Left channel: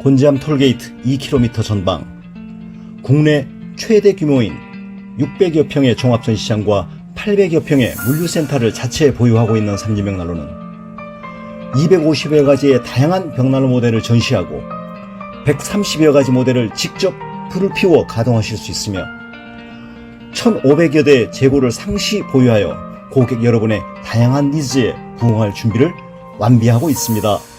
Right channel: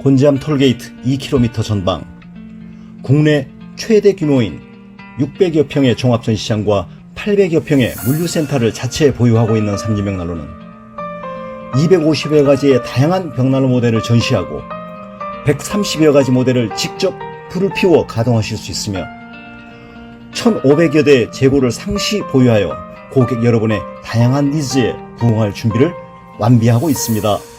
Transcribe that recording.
곤지암 톨게이트 2km 전방, 국내 최대 규모인 600여 평의 종합전시장과 800여 평의 물류센터를 자체에 보유하고 있는 삼진벽난로는 250여 가지의 다양한 벽난로 모델을 전시하고 130여 가지 모델을 직접 불을 피워 가동하실 수 있으며 1,500여 대 재고를 상시 보유하여 고객 여러분의 다양한 니즈에 부응할 준비를 완비하고 있습니다.